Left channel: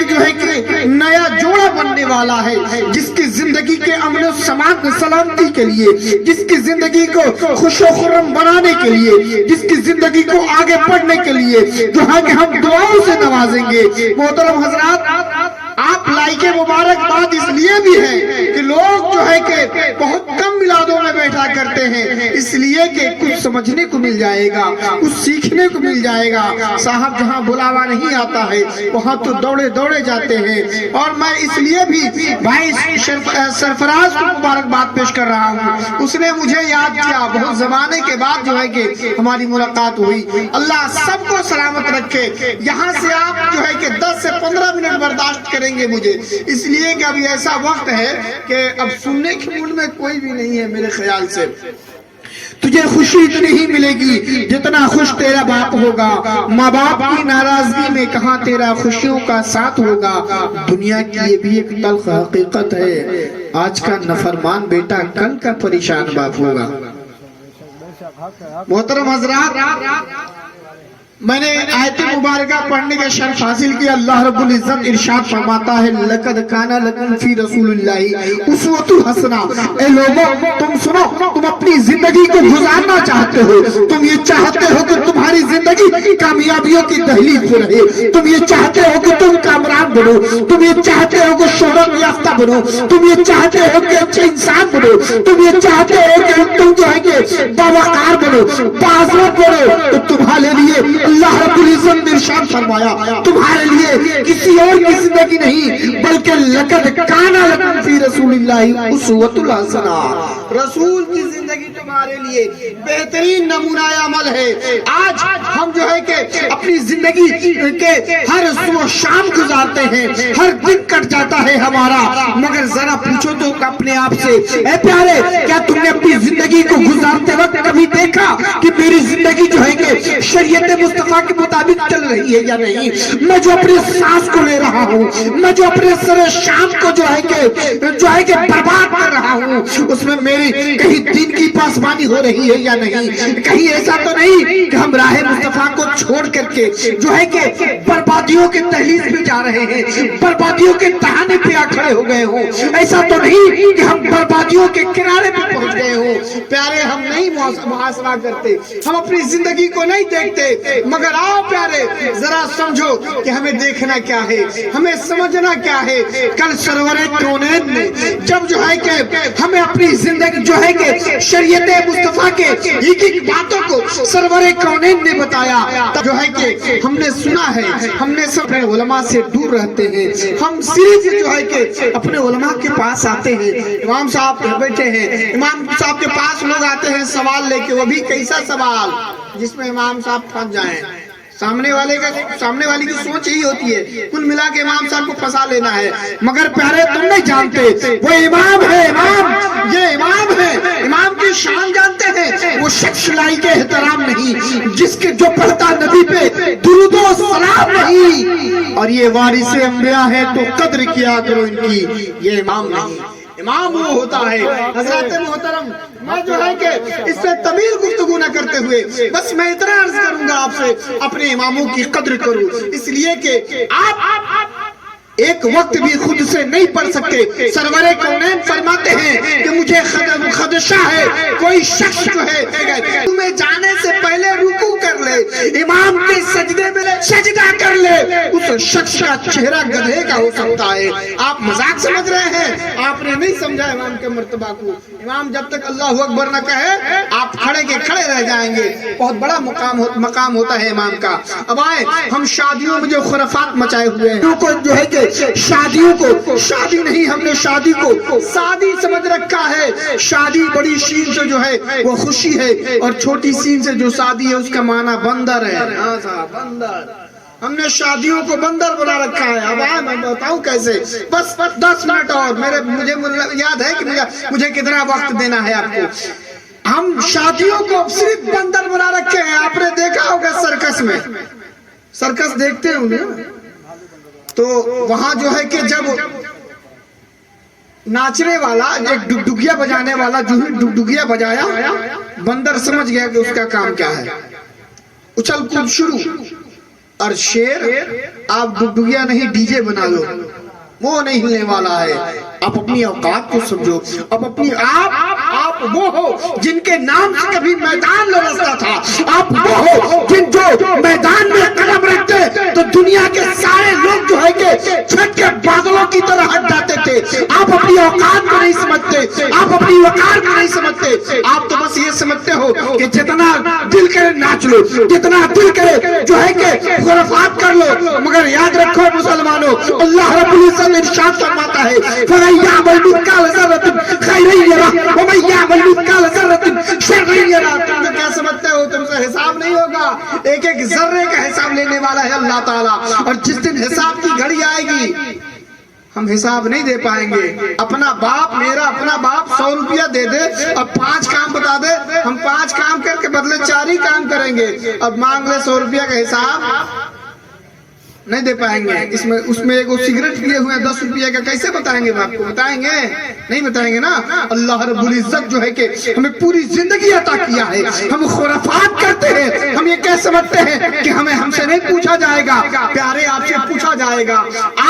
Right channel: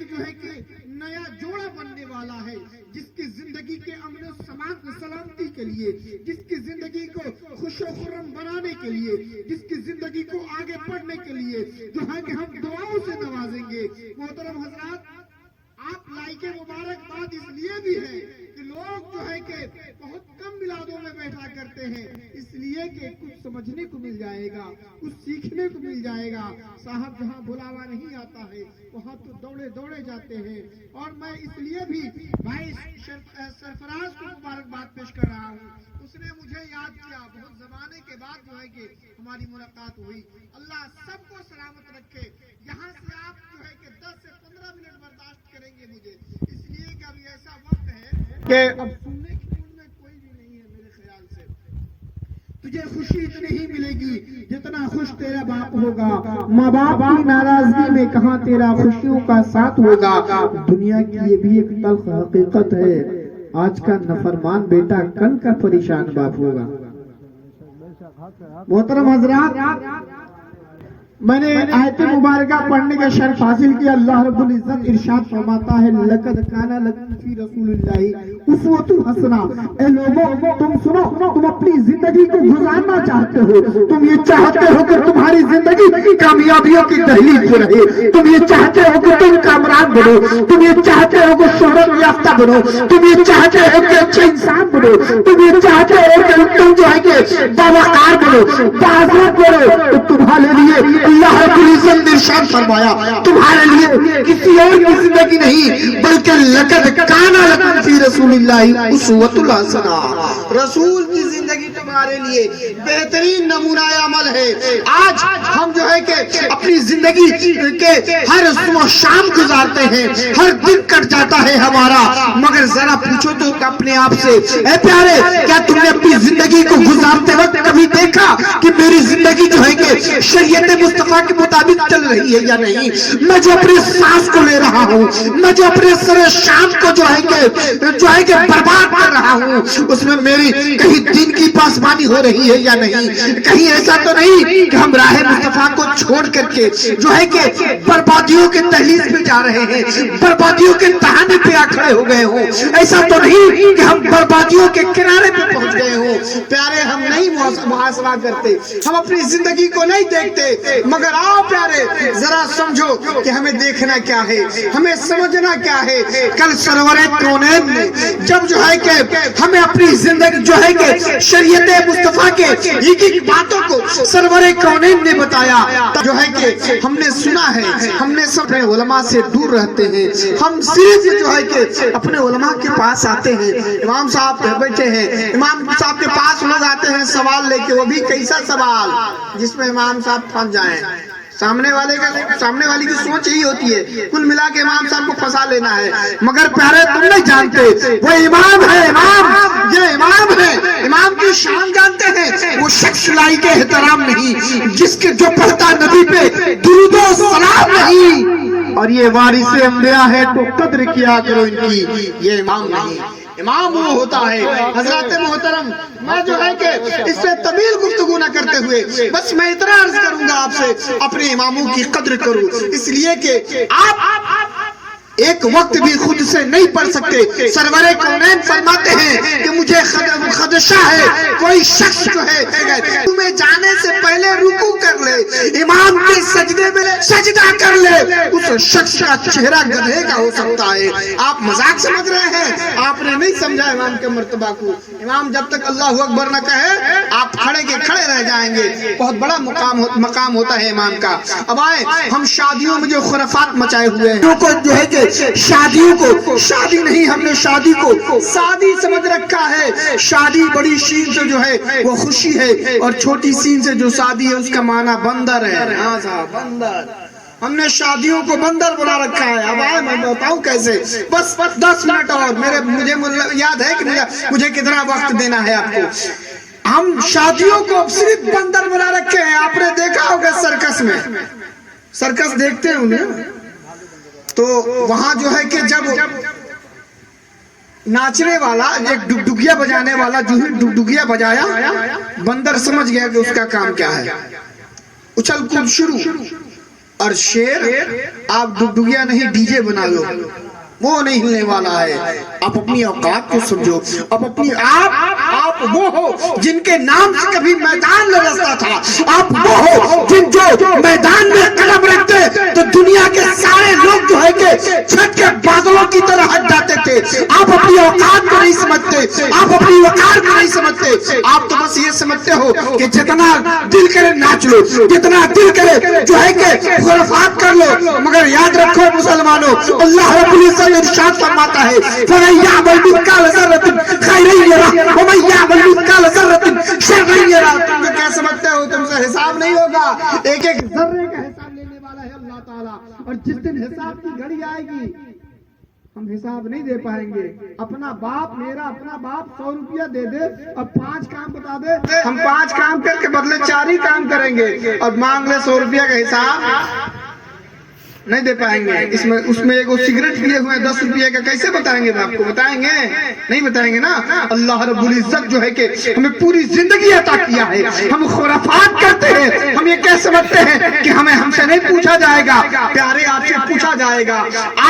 ایک جو ہے کہ نیا جوڑا بننے والا ہے، جس کی زندگی کے امن و سلامتی کے لیے، جس کی زندگی کو خوش و خرم بنانے کے لیے، جس کی زندگی کو آگے بڑھنے کے لیے جو ہے کہ ہم دعاؤں سے نوازیں گے۔ محترم حضرات، آپ لائق مبارکباد اس لیے بھی ہے کہ لوگ جو ہے کہ بہت کم میلادوں میں بیٹھا کرتے ہیں، اس لیے کہ کچھ سمجھنے کو مل جائے گا، کچھ سیکھنے کو مل جائے گا۔ صاحب جہاں بلاوا نہیں آتا ہے وہاں تو دوڑے دوڑے جاتے ہیں، اور میں اس لیے بھی بھائی سرفراز کو مبارکباد پیش کر رہا ہوں۔ اس نے مجھے یاد کیا، بہت زمانے کے بعد جو ہے کہ ہماری ملاقات ہوئی۔ اللہ سب کو سلامت رکھے۔ یہاں سے آپ جو ہے کہ 10 سے 15 منٹ برداشت کریں گے مجھے، اس لیے کہ ابھی ایسا وقت ہے کہ اب سننے کے موڈ میں کوئی بھی نہیں ہے میرے خیال سے۔ تجھے خوشی اتنی ہی ملے گی جتنا خوش تیرا باپ ہوگا، ماں باپ کی ناراضگی میں کہاں تیرا خوشیوں کا ساتھ ہوگا۔ دنیا کی یہ بھی ایک تلخ حقیقت ہے، آج کا نافرمان بیٹا کل کا پریشان باپ ہوگا۔ محترم حضرات، میں نے آیت مبارکہ پڑھنے کا شرف حاصل کیا۔ اللہ رب العزت ارشاد فرماتا ہے، لَقَدْ كَانَ لَكُمْ فِي رَسُولِ اللَّهِ أُسْوَةٌ حَسَنَةٌ۔ اے لوگوں تم سنو، تم اپنی زندگی کو گزارنا چاہتے ہو، تم یہ چاہتے ہو کہ تمہاری زندگی کامیابیوں کی دہلیز پر رہے، تم یہ چاہتے ہو کہ تم کامران بنو، تم یہ چاہتے ہو کہ شہرت یافتہ بنو، تم یہ چاہتے ہو کہ اچھے انسان بنو، تم یہ چاہتے ہو کہ تم جو ہے کہ باوقار بنو، باعزت بنو، تو تمہارے لیے اللہ رب العزت نے ارشاد فرمایا، تمہارے لیے کسی اور کی زندگی نہیں بلکہ لقد کان لکم فی رسول اللہ اسوۃ الحسنہ، رسول کی زندگی تمہارے لیے بہترین نمونہ عمل ہے۔ آج ہم جو ہے کہ اپنی زندگی کے ہر صبح شام گزارتے ہیں، ہر دن کٹ جاتا ہے ہمارا، مگر ذرا پوچھو تو اپنے آپ سے، اے پیارے کیا تم نے اپنی زندگی کو گزارتے وقت کبھی دیکھا کہ میری زندگی جو ہے کہ شریعت مصطفیٰ کے مطابق چل رہی ہے یا نہیں؟ میں جو اپنے سانس کو لے رہا ہوں، میں جو اپنے سر شام کو جو ہے کہ برباد کر رہا ہوں، اس میں میری کہیں دین کی پاسبانی ہو رہی ہے یا نہیں؟ کہیں ایسا تو نہیں کہ ہم راہ مصطفیٰ کو چھوڑ کر کے جو ہے کہ بربادیوں کے دہلیز پہ جا رہے ہیں، بربادیوں کے دہانے پہ آ کھڑے ہو گئے ہوں؟ ایسا تو نہیں کہ ہم بربادیوں کے کنارے پہ پہنچ گئے ہوں؟ پیارے ہم نہیں محاسبہ کرتے، ہم اپنی زندگی کو نہیں دیکھتے، مگر آؤ پیارے ذرا سمجھو کہ ہمیں دیکھنا کیا ہے، ہمیں سمجھنا کیا ہے۔ کل سرور کونین نے جب جو ہے کہ ہمیں اپنی زندگی جو ہے کہ شریعت مصطفیٰ کے ایک ایک باتوں کو سرور کونین نے بتایا، جو ہے کہ ہم نے سنا ہے، ہم نے سب علماء سے دور رہتے ہیں، ہم صرف جو ہے کہ اپنے علماء کے پاس آتے ہیں۔ امام صاحب بیٹھے ہیں، امام صاحب کے پاس لوگ آتے ہیں سوال لے کے، وہ بھی کیسا سوال جس میں امام صاحب پھنس جائیں۔ سامنے والی کی سوچ یہی ہوتی ہے کل ملا کے امام صاحب کو پھنسا لینا ہے، مگر پیارے تم نہیں جانتے وہ امام ہے، امام یہ امام ہے، امام کی شان جانتے ہیں؟ وہ شخص لائق احترام نہیں جس کے جو پڑھتا نبی پہ درود و سلام نہیں، اور یہ وارث انبیاء ہے تو قدر کیا کرو ان کی، یہ امام نہیں۔ امام وہ ہوتا ہے حضرات محترم، میں جو ہے کہ اس سے طویل گفتگو نہ کرتے ہوئے بس میں اتنا عرض کروں گا آپ سے، اپنے اماموں کی قدر کرو، اس لیے کہ آپ ایک وقت بھی خود سے نہیں پڑھ سکتے۔ سرور کونین فرماتے ہیں کہ مجھے خدشہ ہے کوئی شخص جو ہے تمہیں جانے سے پہلے رکوع کر لے، امام کے سجدے میں سجدہ کر لے، اس شخص کا چہرہ گدھے کا ہو سکتا ہے۔ آپ مذاق سمجھ رہے ہیں، آپ نے نہیں سمجھا امام کے مرتبہ کو۔ امام جب تک اللہ اکبر نہ کہے آپ کھڑے کے کھڑے رہ جائیں گے، بہت بڑا مقام ہوتا ہے امام کا۔ اب آئے ہم شادیوں میں جو خرافات مچائے ہوئے ہیں، جو ہے کہ شادیوں کو شادی نہیں، ہم نے شادی کو سادی سمجھ رکھا ہے۔ شادی بڑی شین سے جو ہے وہ خوشی ہے، اور چھوٹی سین سے جو شادی ہے اس کا معنی بندر ہے۔ ہاں صاحب بندر، ہم نے شادیوں کو بندر بنا رکھا ہے۔ اب آئے میں بتاؤں کیسے، بس 10 منٹ اور مجھے یاد ہے کہ مجھے کتنا وقت دینا ہے آپ کو۔ ہم شادیوں کو صرف بندر بنا رکھے ہیں۔ آپ نے دیکھا ہوگا سرکس میں، سرکس دیکھتے ہیں انہیں، تو وہاں جو ہے کہ جب ناچنے والا ایک ڈگڈگیا بجانے والا جو ڈگڈگیا بجایا، بندر سمجھ گیا کہ اس کا کام کیا ہے، اچھل کود شروع، اور شیر آپ ڈگڈگیا نہیں ڈیجے بنا دو، وہ نہیں ہلنے والا ہے۔ آپ اپنی اوقات کو سمجھو، آپ اپنی آپ وہ ہو جن کے نام سے کبھی میدان لرزتا تھا، آپ وہ ہو جن جو میدان میں قدم رکھتے تو دنیا کے سارے لوگ جو ہے کہ چھت کے بادلوں کی طرح ہٹ جاتے تھے۔ آپ اپنی اوقات کو نہیں سمجھتے، آپ اپنی وقار کو نہیں سمجھتے، آپ تو بس یہ سمجھتے ہو کہ جتنا دل کرے ناچ لو، جتنا دل کرے جو ہے کہ خرافات کر لو۔ مگر یاد رکھو مسلمانوں، اللہ رب العزت ارشاد فرماتا ہے فَمَن يَعْمَلْ مِثْقَالَ ذَرَّةٍ خَيْرًا يَرَهُ وَمَن يَعْمَلْ مِثْقَالَ ذَرَّةٍ شَرًّا يَرَهُ۔ تم تو کیا سمجھتے ہو تم سے حساب نہیں ہوگا؟ ایک ایک ذرے کا حساب لینے والا ہے اللہ تعالیٰ، اور جس دن حساب کی گھڑی آئے گی ہم حساب نہیں دے پائیں گے۔ اپنا باپ، میرا اپنا باپ 100 روپیہ دے دے اور 5 کام بتا دے، ہم 5 کام کر کے بدلے 4 ہی کام کریں گے، اور مانگ لے 100 روپیہ کا حساب نہیں دے پائیں گے۔ اس میں ایک سگریٹ پیے ہوئے 10 روپیے کا کیسے بتائیں گے؟ آپ کو بتائیں گے؟ نہیں بتائیں گے نا۔ اللہ رب العزت جو ہے کہ ہمیں پوری زندگی عطا کیا ہے، ہم خرافات کرتے ہیں، ہم یہ کہہ سمجھتے ہیں کہ ہم سے نہیں پوچھا جائے گا۔ پیارے آپ سے پوچھا جائے گا۔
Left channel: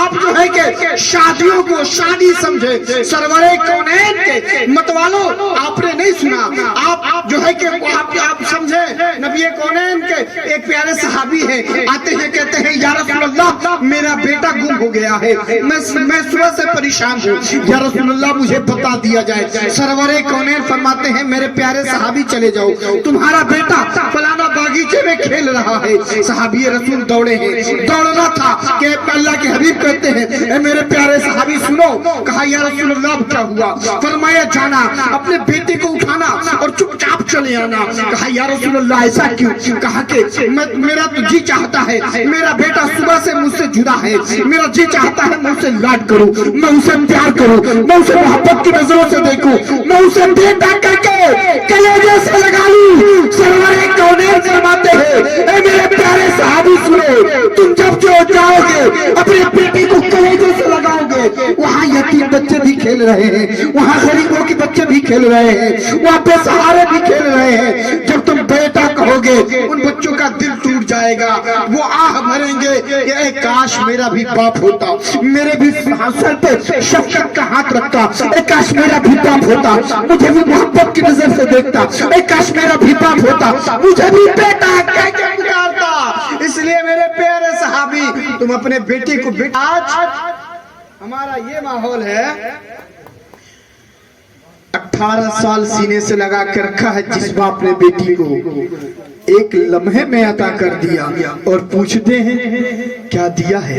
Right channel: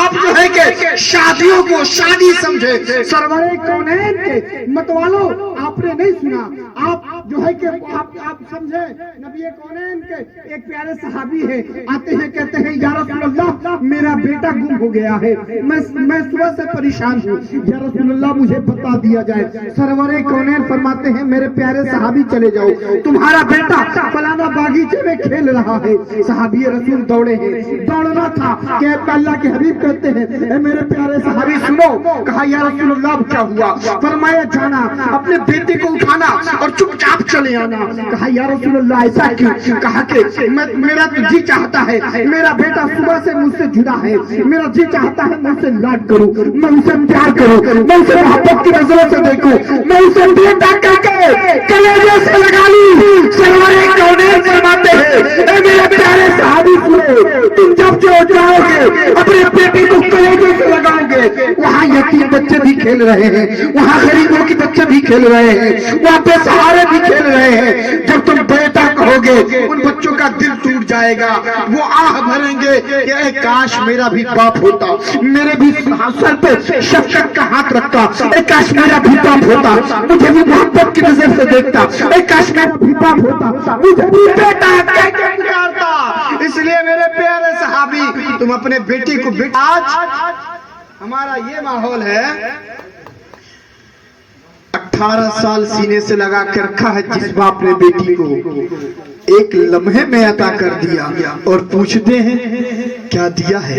آپ جو ہے کہ شادیوں کو شادی سمجھے، سرور کونین کے متوالو آپ نے نہیں سنا، آپ جو ہے کہ آپ سمجھے نبی کونین کے ایک پیارے صحابی ہیں، آتے ہیں کہتے ہیں یا رسول اللہ میرا بیٹا گم ہو گیا ہے، میں صبح سے پریشان ہوں، یا رسول اللہ مجھے بتا دیا جائے۔ سرور کونین فرماتے ہیں میرے پیارے صحابی چلے جاؤ، تمہارا بیٹا فلانا باغیچے میں کھیل رہا ہے۔ صحابی رسول دوڑے ہیں، دوڑنا تھا کہ اللہ کے حبیب کہتے ہیں اے میرے پیارے صحابی سنو۔ کہا یا رسول اللہ کیا ہوا؟ فرمایا جانا اپنے بیٹے کو اٹھانا اور چپ چاپ چلے آنا۔ کہا یا رسول اللہ ایسا کیوں؟ کہا کہ میرا تو جی چاہتا ہے میرا بیٹا صبح سے مجھ سے جدا ہے، میرا جی چاہتا ہے میں اسے لاڈ کروں، میں اسے پیار کروں، میں اسے محبت کی نظروں سے دیکھوں، میں اسے بیٹا کہہ کے کلیجے سے لگا لوں۔ سرور کونین فرماتے ہیں اے میرے پیارے صحابی سنو، تم جب جو جاؤ گے اپنے بیٹے کو کلیجے سے لگاؤ گے، وہاں یتیم بچے بھی کھیل رہے ہیں، وہاں غریبوں کے بچے بھی کھیل رہے ہیں، وہاں بے سہارے بھی کھیل رہے ہیں۔ جب تم بیٹا کہو گے ان بچوں کا دل ٹوٹ جائے گا، وہ آہ بھریں گے کہ اے کاش میرا بھی باپ ہوتا، میرے بھی سر پہ شفقت کا ہاتھ رکھتا، اے کاش میرا بھی باپ ہوتا، مجھے بھی محبت کی نظر سے دیکھتا، اے کاش میرا بھی باپ ہوتا، مجھے بھی بیٹا کہہ کے پکارتا۔ اس لیے میرے پیارے صحابی تم اپنے بیٹی کو آج ہمارا یہ ماحول ہے، 18 سال سینے سے لگا کے رکھا ہے جس باپ نے بیٹی کو ایک لمحے میں عطا کر دیا، اور پوچھتے ہیں کیا دیا ہے؟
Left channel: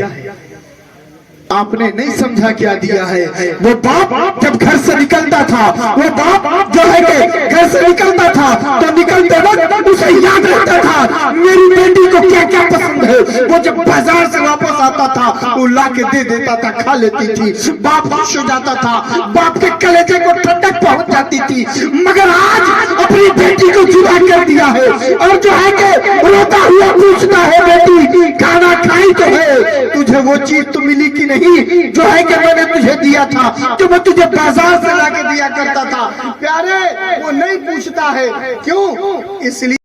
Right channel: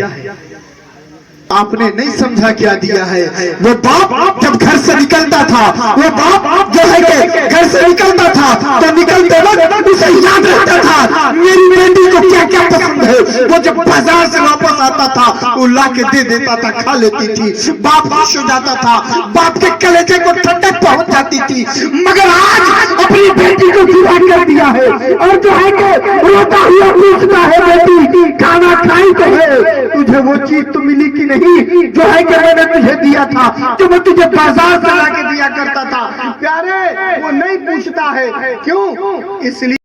آپ نے نہیں سمجھا کیا دیا ہے۔ وہ باپ جب گھر سے نکلتا تھا، وہ باپ جو ہے کہ گھر سے نکلتا تھا تو نکلتے وقت اسے یاد رہتا تھا میری بیٹی کو کیا کیا پسند ہے۔ وہ جب بازار سے واپس آتا تھا وہ لا کے دے دیتا تھا، کھا لیتی تھی، باپ خوش ہو جاتا تھا، باپ کے کلیجے کو ٹھنڈک پہنچ جاتی تھی۔ مگر آج اپنی بیٹی کو جدا کر دیا ہے، اور جو ہے کہ روتا ہوا پوچھتا ہے بیٹی کھانا کھائی تو ہے؟ تجھے وہ چیز تو ملی کہ نہیں جو ہے کہ میں نے تجھے دیا تھا، جو میں تجھے بازار سے لا کے دیا کرتا تھا؟ پیارے وہ نہیں پوچھتا ہے، کیوں؟ اس لیے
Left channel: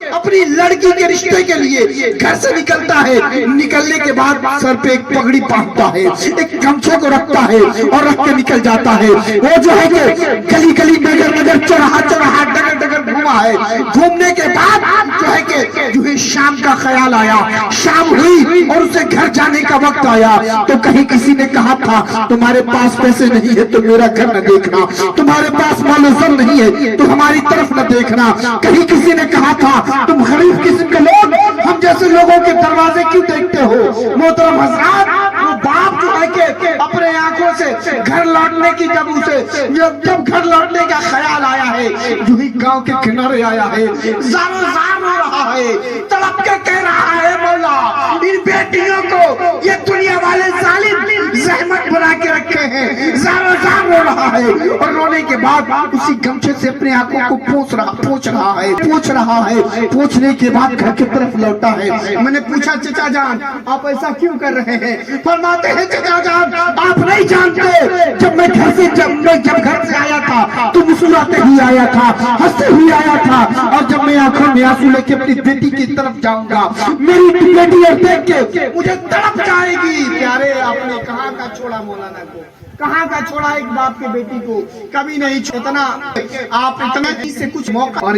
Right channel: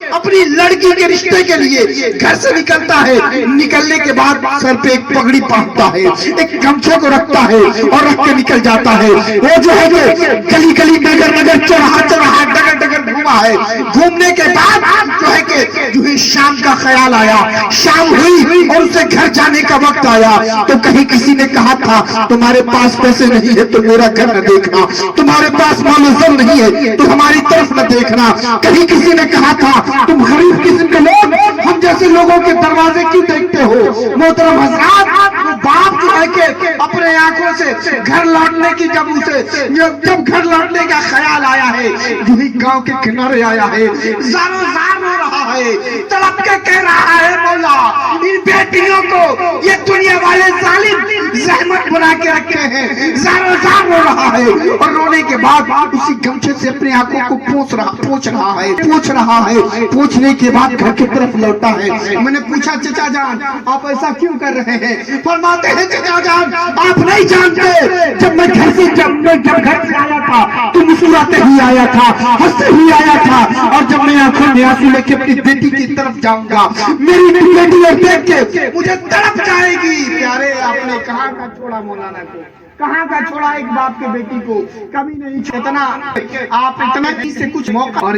اپنی لڑکی کے رشتے کے لیے گھر سے نکلتا ہے، نکلنے کے بعد سر پہ ایک پگڑی باندھتا ہے، ایک گمچھے کو رکھتا ہے اور رکھ کے نکل جاتا ہے۔ وہ جو ہے کہ گلی گلی نگر نگر چوراہا چوراہا ڈگر ڈگر گھوما ہے۔ گھومنے کے بعد جو ہے کہ جو ہی شام کا خیال آیا، شام ہوئی اور اسے گھر جانے کا وقت آیا تو کہیں کسی نے کہا تھا تمہارے پاس پیسے نہیں ہے تو میرا گھر نہ دیکھنا، تمہارے پاس مال و زر نہیں ہے تو ہماری طرف نہ دیکھنا۔ کہیں کسی نے کہا تھا تم غریب قسم کے لوگ ہم جیسے لوگوں کے دروازے کیوں دیکھتے ہو؟ محترم حضرات، وہ باپ جو ہے کہ اپنے آنکھوں سے گھر لوٹنے کی جب گھر لوٹنے کا خیال آیا ہے، جو ہی گاؤں کے کنارے آیا ہے، زارو زار ہو رہا ہے، تڑپ کے کہہ رہا ہے مولا ان بیٹیوں کو یہ دنیا والے ظالم زحمت بنا کے رکھے ہیں، زارو زار ہو رہا ہے، اور رونے کے بعد اسی گمچھے سے اپنے آنکھوں کو پوچھ رہا ہے، پوچھنے کے بعد گھر کی طرف لوٹا ہے۔ میں نے پوچھا چچا جان آپ ایسا کیوں کر رہے ہیں؟ فرماتے ہیں چچا جان آپ نہیں جانتے، جب میں گھر سے آیا تھا تو مسکراتے ہی آیا تھا، ہنستے ہی آیا تھا، اور جب میں آنکھوں میں آنسو لے کے اپنی بیٹی کی طرف جاؤں گا میری بیٹی کو دیکھ کے مجھے تڑپ جائے گی۔ پیارے آپ نے کہاں کا چھوڑا مولانا کو، کہاں کا چھوڑا ایک باپ کے بیٹی کو، کبھی نہیں اتنا آپ اتنا سے کچھ موقع، اور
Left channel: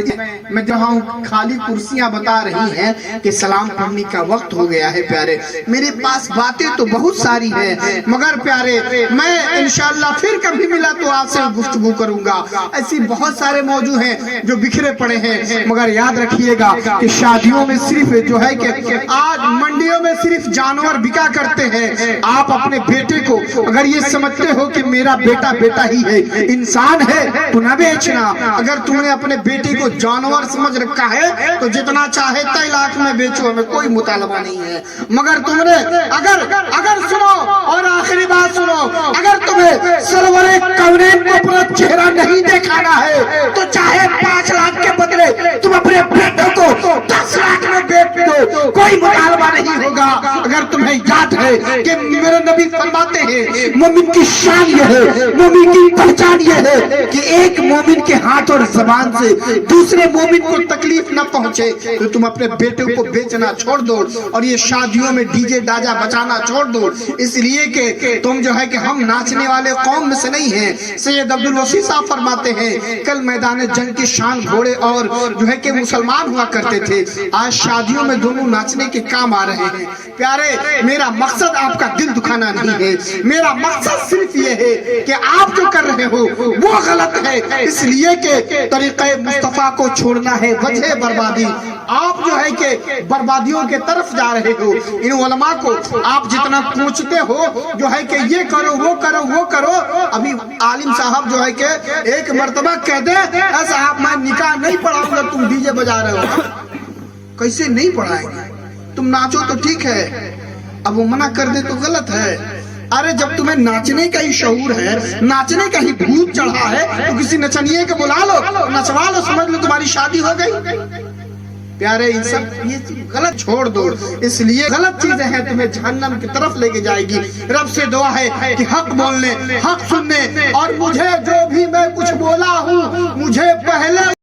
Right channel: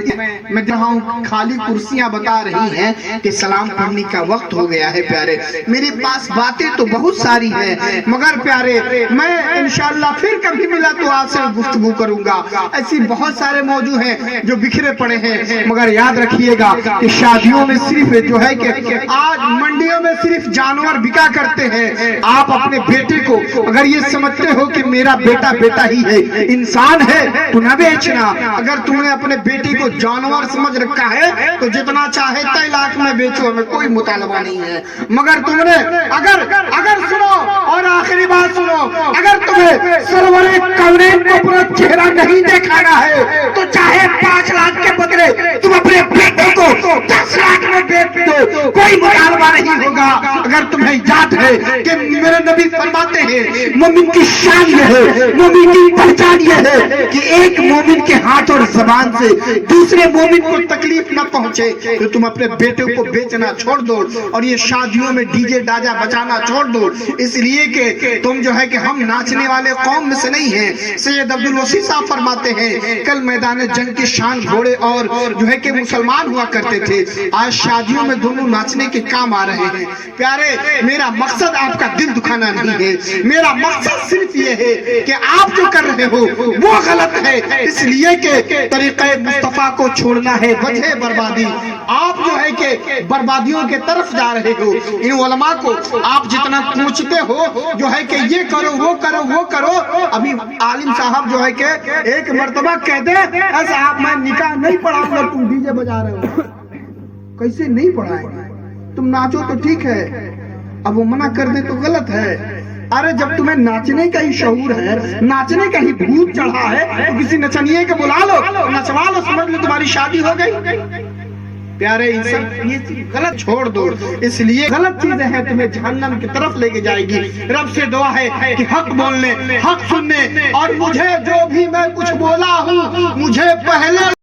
میں جہاں خالی کرسیاں بتا رہی ہیں کہ سلام پڑھنے کا وقت ہو گیا ہے۔ پیارے میرے پاس باتیں تو بہت ساری ہیں، مگر پیارے میں انشاءاللہ پھر کبھی ملا تو آپ سے گفتگو کروں گا، ایسی بہت سارے موضوع ہیں جو بکھرے پڑے ہیں، مگر یاد رکھیے گا کہ شادیوں میں صرف جو ہے کہ آج منڈیوں میں صرف جانور بکا کرتے ہیں، آپ اپنے بیٹے کو اگر یہ سمجھتے ہو کہ میرا بیٹا بیٹا ہی ہے، انسان ہے تو نہ بیچنا۔ اگر تم نے اپنے بیٹی کو جانور سمجھ رکھا ہے تو جتنا چاہے 3 لاکھ میں بیچو، ہمیں کوئی مطالبہ نہیں ہے، مگر تم نے اگر سنو اور آخری بات سنو، اگر تمہیں سرور کونین کو اپنا چہرہ نہیں دکھانا ہے تو چاہے 5 لاکھ کے بدلے تم اپنے بیٹے کو 10 لاکھ میں بیچ دو، کوئی مطالبہ نہیں ہوگا۔ اگر تمہیں یاد ہے کہ میرے نبی فرماتے ہیں مومن کی شان یہ ہے، مومن کی پہچان یہ ہے کہ ایک مومن کے ہاتھ اور زبان سے دوسرے مومن کو تکلیف نہ پہنچے، تو تم اپنے بیٹے کو بیچنا چھوڑ دو اور یہ شادیوں میں ڈی جے ڈاجا بچانا چھوڑ دو، اس لیے کہ تم جو ہے کہ ہم ناچنے والے قوم میں سے نہیں ہیں۔ سید عبدالوسی صاحب فرماتے ہیں کل میدان جنگ کی شان گھوڑے اور جو ہے کہ مسلمان ہوا کرتے تھے، آج شادیوں میں دونوں ناچنے کے کام آ رہے ہیں۔ پیارے میرا مقصد آپ کا دل دکھانا نہیں ہے، میرا مقصد صرف یہ ہے کہ آپ جو کر رہے ہو وہ غلط ہے، اس لیے کہ طریقہ مصطفیٰ کو چھوڑنا ہے وجہ بربادی، آپ جو ہے کہ بربادیوں کے طرف جا رہے ہو۔ ان علماء کو آپ جتنا پوچھتے ہو جو ہے کہ یہ کرو وہ کرو وہ کرو، ابھی عالم صاحب جو ہے کہ ایک مرتبہ کہتے ایسا آپ میں نکاح نہیں پڑھاؤں گا، تم ڈی جے بجا رہے ہو، کیسے نہیں پڑھائیں گے؟ تم ناچو تو ٹھیک ہے، اب وہ منع کر دے تو غلط ہے۔ ارے جب تمہیں ناچنے کا ہی شعور ہے، ناچنے کا ہی بھوت چڑھا ہے تو کسی نچنیے کے بلا لو، نچوا لو، سمجھ لو تمہاری شادی ہو گئی۔ پیارے ان سب یہ غلط چھوڑ دو، اس لیے غلط چیزیں ہیں تمہیں جہنم کی طرف لے کے جائے گی۔ رب سے دعا ہے کہ حق بولنے، حق سننے، اور مجھے جو بھی میں کچھ بولا ہوں مجھے پہلے